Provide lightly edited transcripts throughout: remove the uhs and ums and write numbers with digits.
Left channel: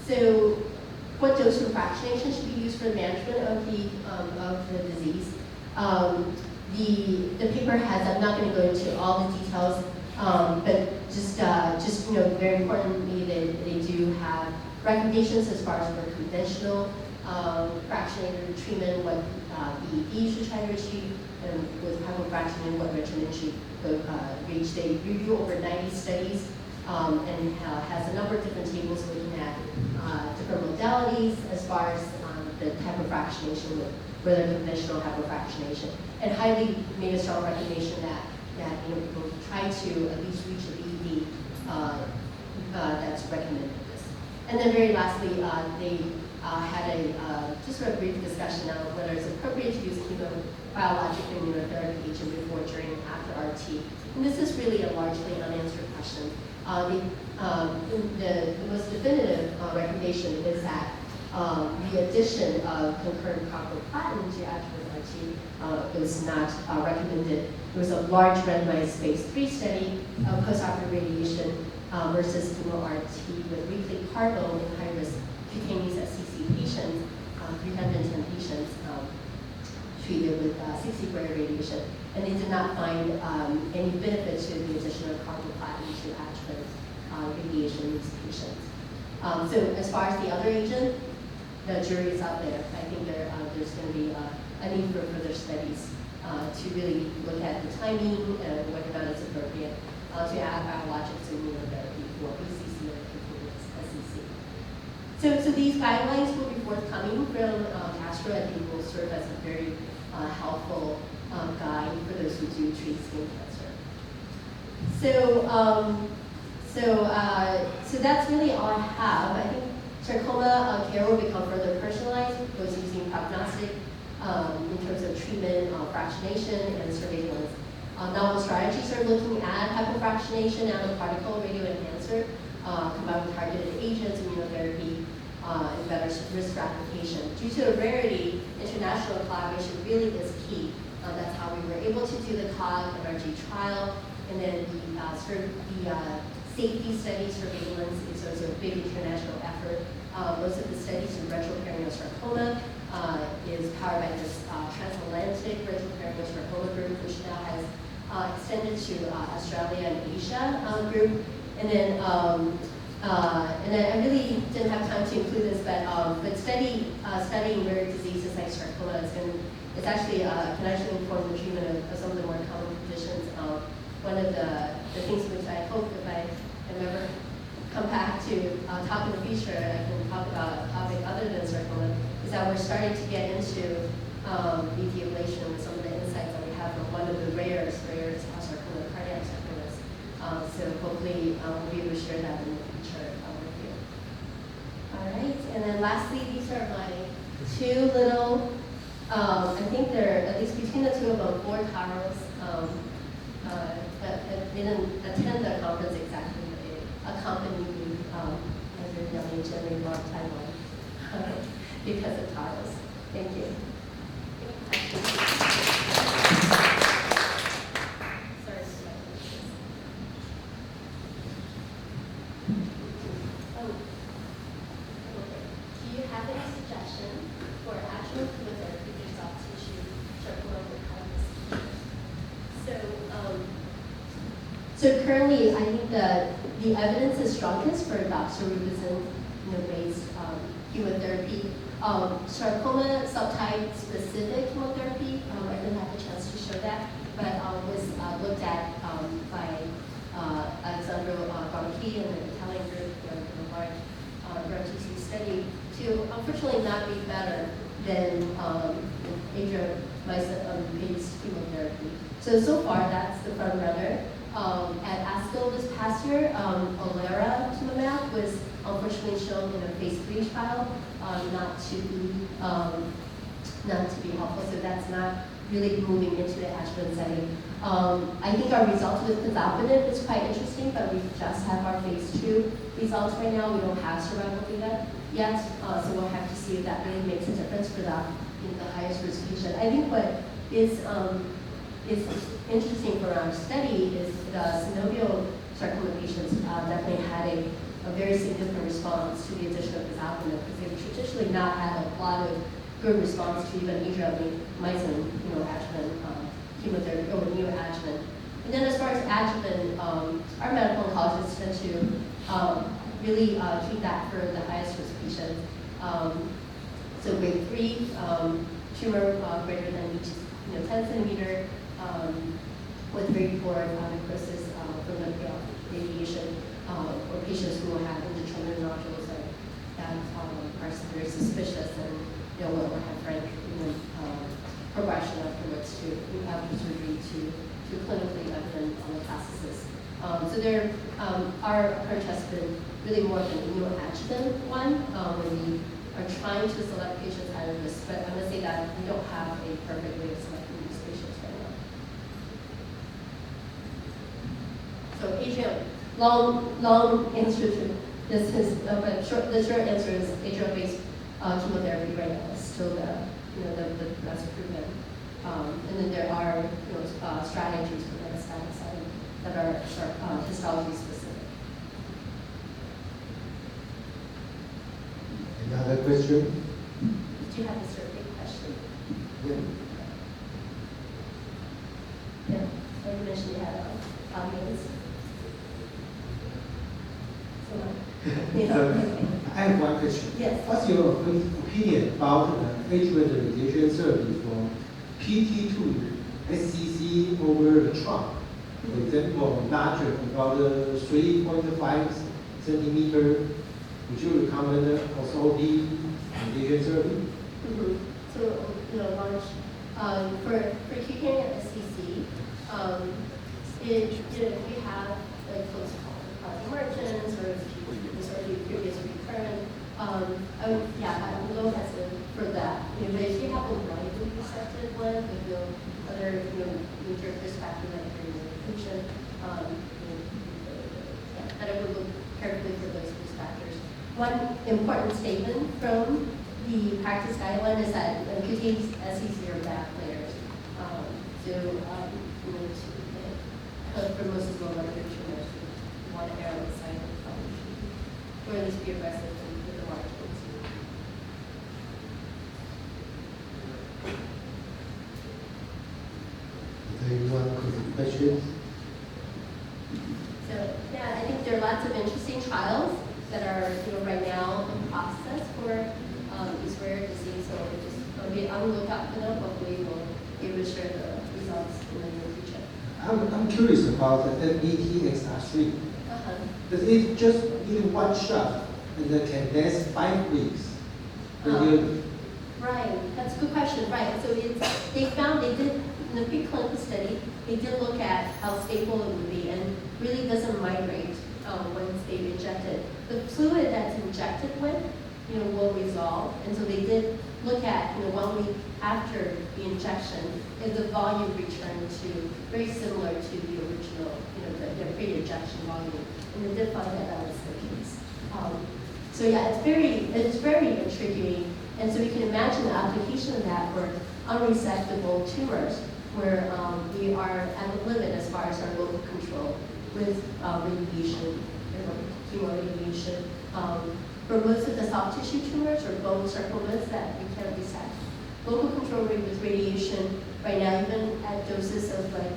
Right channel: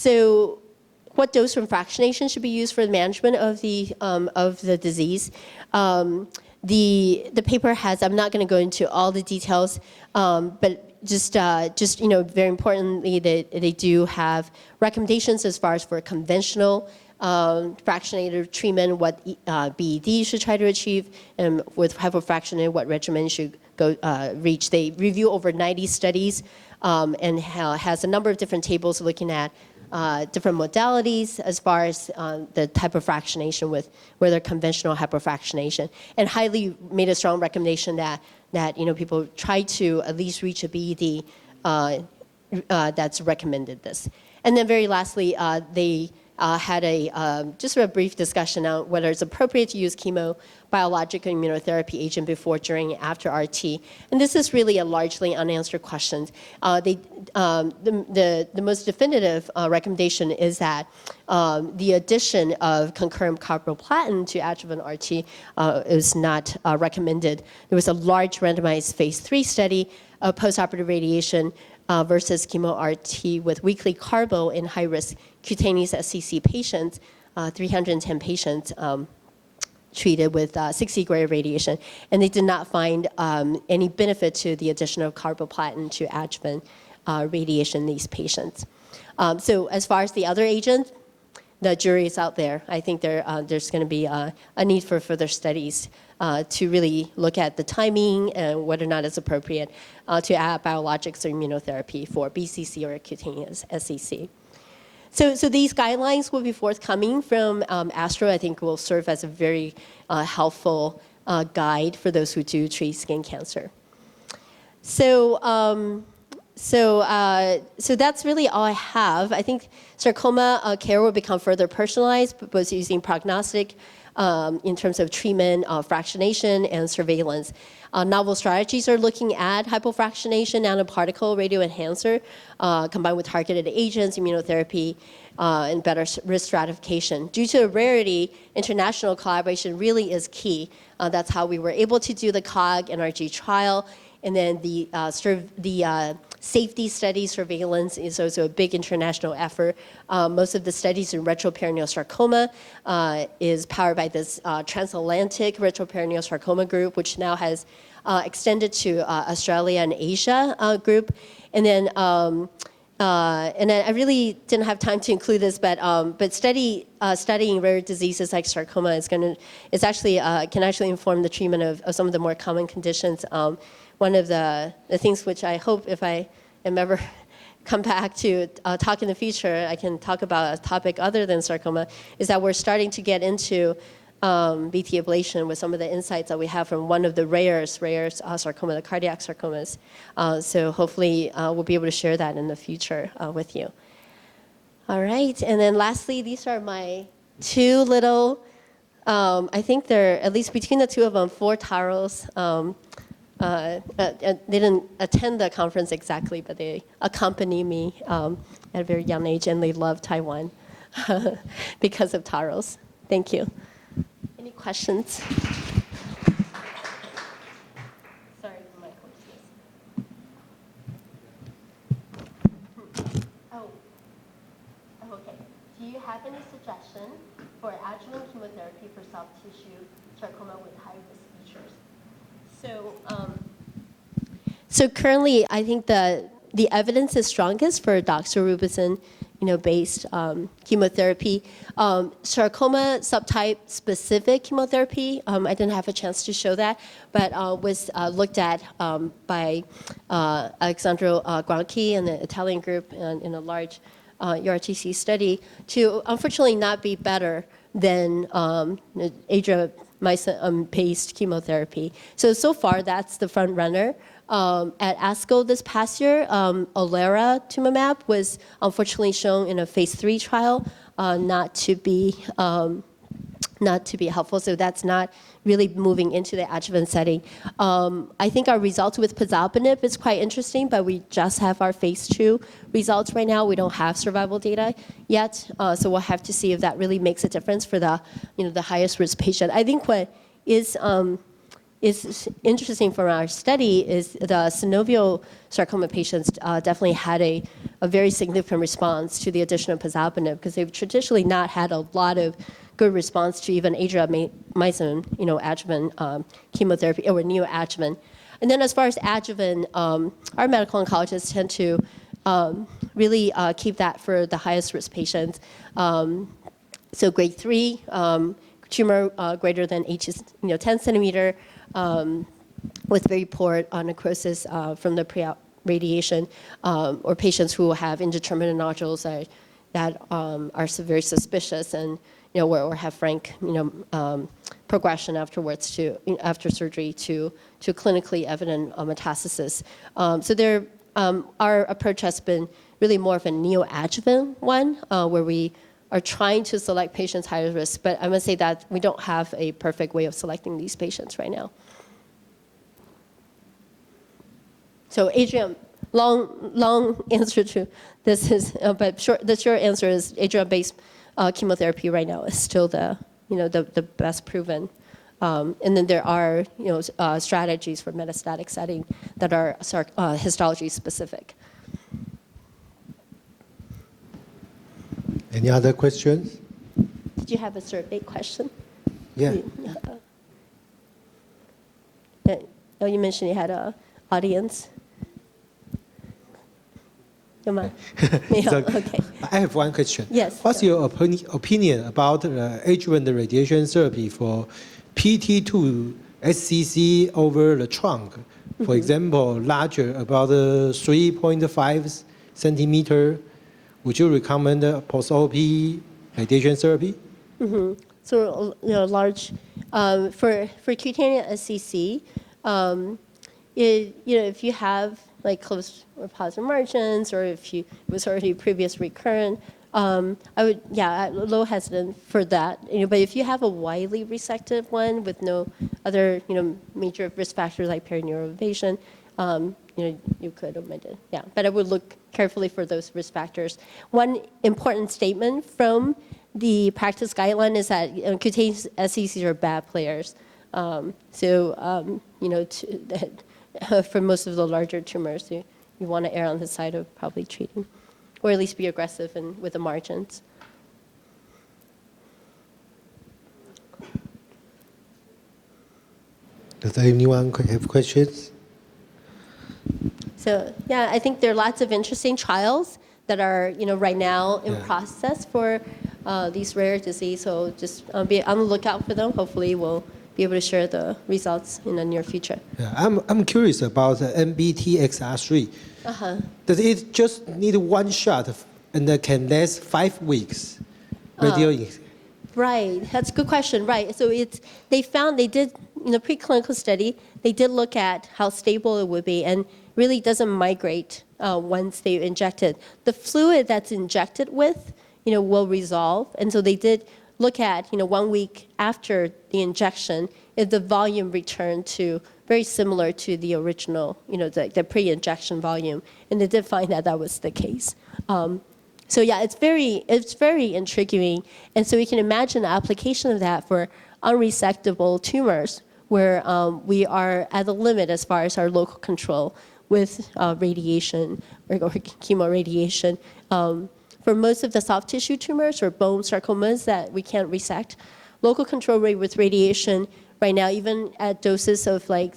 So what dose from fractionation should be used for the management of the disease? The paper has, I'm not going to go into all the details, but just very importantly, they do have recommendations as far as for conventional fractionated treatment, what BED you should try to achieve, and with hypofractionated, what regimen should go reach. They review over 90 studies and has a number of different tables looking at different modalities as far as the type of fractionation with whether conventional hypofractionation, and highly made a strong recommendation that people try to at least reach a BED that's recommended this. And then very lastly, they had just a brief discussion on whether it's appropriate to use chemo, biologic and immunotherapy agent before, during, and after RT. And this is really a largely unanswered question. The most definitive recommendation is that the addition of concurrent carboplatin to adjuvant RT is not recommended. There was a large randomized phase 3 study of postoperative radiation versus chemo-RT with weekly carbo in high-risk cutaneous SCC patients, 310 patients treated with 60-gray radiation, and they did not find any benefit to the addition of carboplatin to adjuvant radiation in these patients. So as far as the other agent, the jury is out there. I think there's going to be a need for further studies to really look at the timing and whether or not it's appropriate to add biologics or immunotherapy for BCC or cutaneous SCC. So these guidelines will be forthcoming from ASTRO. I think will serve as a very helpful guide for those who do treat skin cancer. So that's really all I have. I think sarcoma care will become further personalized, both using prognostic in terms of treatment, fractionation, and surveillance. Novel strategies are looking at hypofractionation, nanoparticle radioenhancer, combined with targeted agents, immunotherapy, and better risk stratification. Due to the rarity, international collaboration really is key. That's how we were able to do the COG NRG trial, and then the safety study surveillance is also a big international effort. Most of the studies in retroperineal sarcoma is powered by this transatlantic retroperineal sarcoma group, which now has extended to Australia and Asia group. And then I really didn't have time to include this, but studying rare diseases like sarcoma is actually can actually inform the treatment of some of the more common conditions. One of the things which I hope, if I am ever come back to talk in the future, I can talk about a topic other than sarcoma, is that we're starting to get into VT ablation with some of the insights that we have from one of the rare sarcoma, the cardiac sarcomas. So hopefully we'll be able to share that in the future with you. All right, and then lastly, these are my two little, I think they're, at least between the two of them, 4 taros. They didn't attend the conference exactly, but they accompany me at a very young age, and they love Taiwan because of taros. Thank you. Any questions? So currently, I think the evidence is strongest for doxorubicin, based chemotherapy. Sarcoma subtype specific chemotherapy, I didn't have a chance to show that, but was looked at by Alexandro Granchi and the Italian group in a large ERTC study to unfortunately not be better than adriamycin-based chemotherapy. So far, that's the front runner. At ASCO this past year, olaratumumab was unfortunately shown in a phase 3 trial not to be helpful. So that's not really moving into the adjuvant setting. I think our results with pazopanib is quite interesting, but we just have our phase 2 results right now. We don't have survival data yet, so we'll have to see if that really makes a difference for the highest risk patient. I think what is interesting from our study is the synovial sarcoma patients definitely had a a very significant response to the addition of pazopanib, because they've traditionally not had a lot of good response to even adriamycin, adjuvant chemotherapy or neoadjuvant. And then as far as adjuvant, our medical oncologists tend to really keep that for the highest risk patients. So grade 3, tumor greater than 10 centimeter, with very poor necrosis from the pre-radiation, or patients who have indeterminate nodules that are very suspicious and or have frank progression afterwards after surgery to clinically evident metastasis. So our approach has been really more of a neoadjuvant one, where we are trying to select patients high risk, but I must say that we don't have a perfect way of selecting these patients right now. So Adrian, long answer to this is, but the short answer is Adrian-based chemotherapy right now is still the best proven. And then there are strategies for metastatic setting that are histology specific. Any other questions? Did you have a survey question? Yeah. Oh, you mentioned you had an audience. Don't mind. Yeah, So, okay. I have one question. Yes. What's your opinion about adjuvant radiation therapy for PT2 SCC over the trunk? For example, larger, about 3.5 centimeter. Would you recommend post-op radiation therapy? Mm-hmm. So large for cutaneous SCC, if you have like close or positive margins, or if it was already previous recurrent, I would, I'm a little hesitant for that. But if you have a widely resected one with no other, major risk factors like perineural invasion, you could omit it. Yeah, but I would look carefully for those risk factors. One important statement from the practice guideline is that cutaneous SCCs are bad players. For most of the larger tumors, you want to err on the side of probably treatment, or at least be aggressive and with the margins. Does anyone have questions? So I think there are lots of interesting trials that are right now in process for these rare diseases. So just be on the lookout for them. Hopefully we'll be able to share the results in the near future. Yeah, I'm curious about the NBTXR3. Does it just need one shot and it can last 5 weeks? Right, that's a good question. Right, so they did in the preclinical study, they did look at how stable it would be, and really doesn't migrate once they inject it. The fluid that's injected with, will resolve, and so they did look at, 1 week after the injection, if the volume returned to very similar to the original, the pre-injection volume, and they did find that that was the case. So it's very intriguing, and so you can imagine the application of that for unresectable tumors, where we are at the limit as far as our local control with radiation or chemoradiation. For most of the soft tissue tumors or bone sarcomas that we can't resect, local control rate with radiation right now, even at doses of like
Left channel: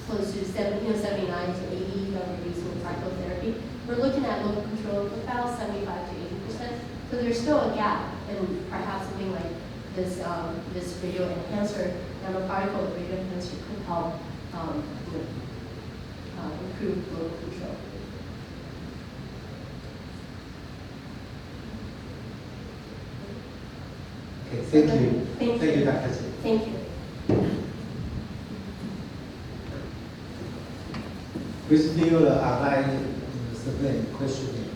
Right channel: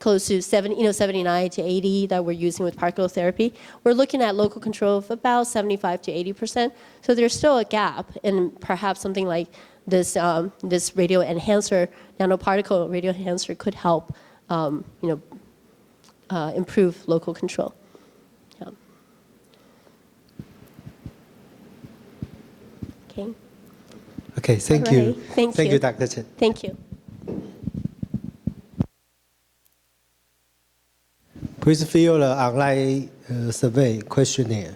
close to 79 to 80 that we're using with particle therapy, we're looking at local control of about 75 to 80%. So there's still a gap, and perhaps something like this radio enhancer, nanoparticle radio enhancer, could help improve local control. Okay, thank you. Thank you, Dr. Chen. Thank you. Please fill the online survey questionnaire.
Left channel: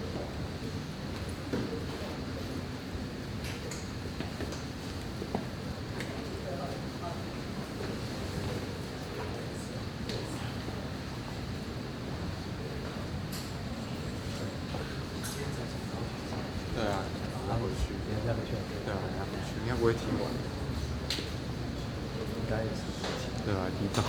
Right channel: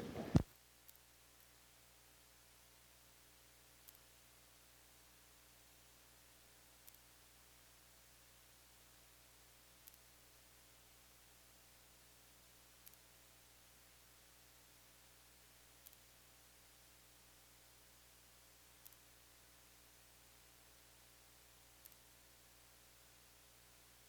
应该也是，对吧？提早。